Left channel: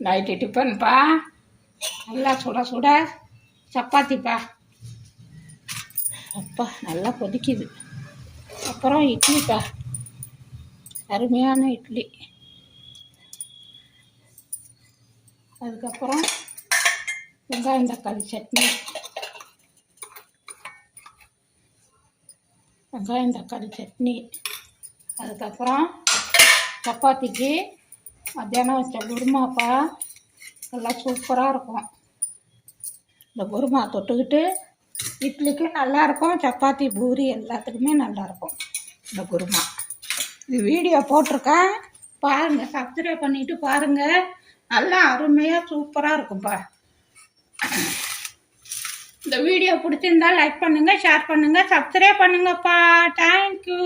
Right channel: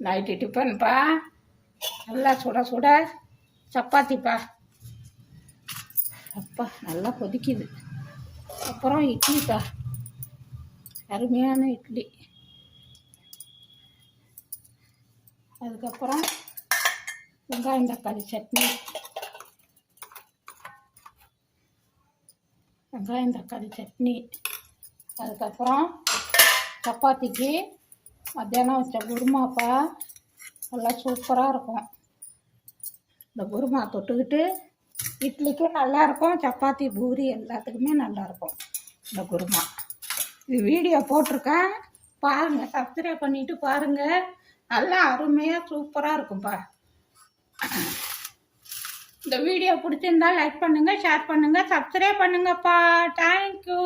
Night டிஃபன்ப்பா. நல்லா சுட சுட சப்பாத்திப்பா. அப்பா நல்லா கொதிக்குது. அப்புறம் இட்லிப்பா, அருமையான இட்லி. அதுக்கப்புறம் வெங்காயம் தக்காளி சட்னி. வெங்காயம் தக்காளி சட்னி. அதுக்கப்புறம் சப்பாத்திக்கு மத்தியானம் வச்ச குருமாப்பா. நல்லா சூப்பராக இருக்கும். இந்த குருமா தொட்டுக்கிட்டு இட்லிக்கு நல்லாயிருக்கும். சப்பாத்தி பூரி எல்லாத்துக்குமே நல்லாயிருக்கும் இந்த குருமா. இது வீடியோ போட்டிருக்கேன் பாருங்கள், சப்ஸ்கிரைப் பண்ணிவிட்டு பாருங்கள். நல்லா அருமையாக சூப்பராக இருக்கும்ப்பா. இந்த வீடியோ பிடிச்சிருந்தா லைக் பண்ணுங்கள், ஷேர் பண்ணுங்கள், சப்ஸ்கிரைப் பண்ணுங்கப்பா. தேங்க்யூ.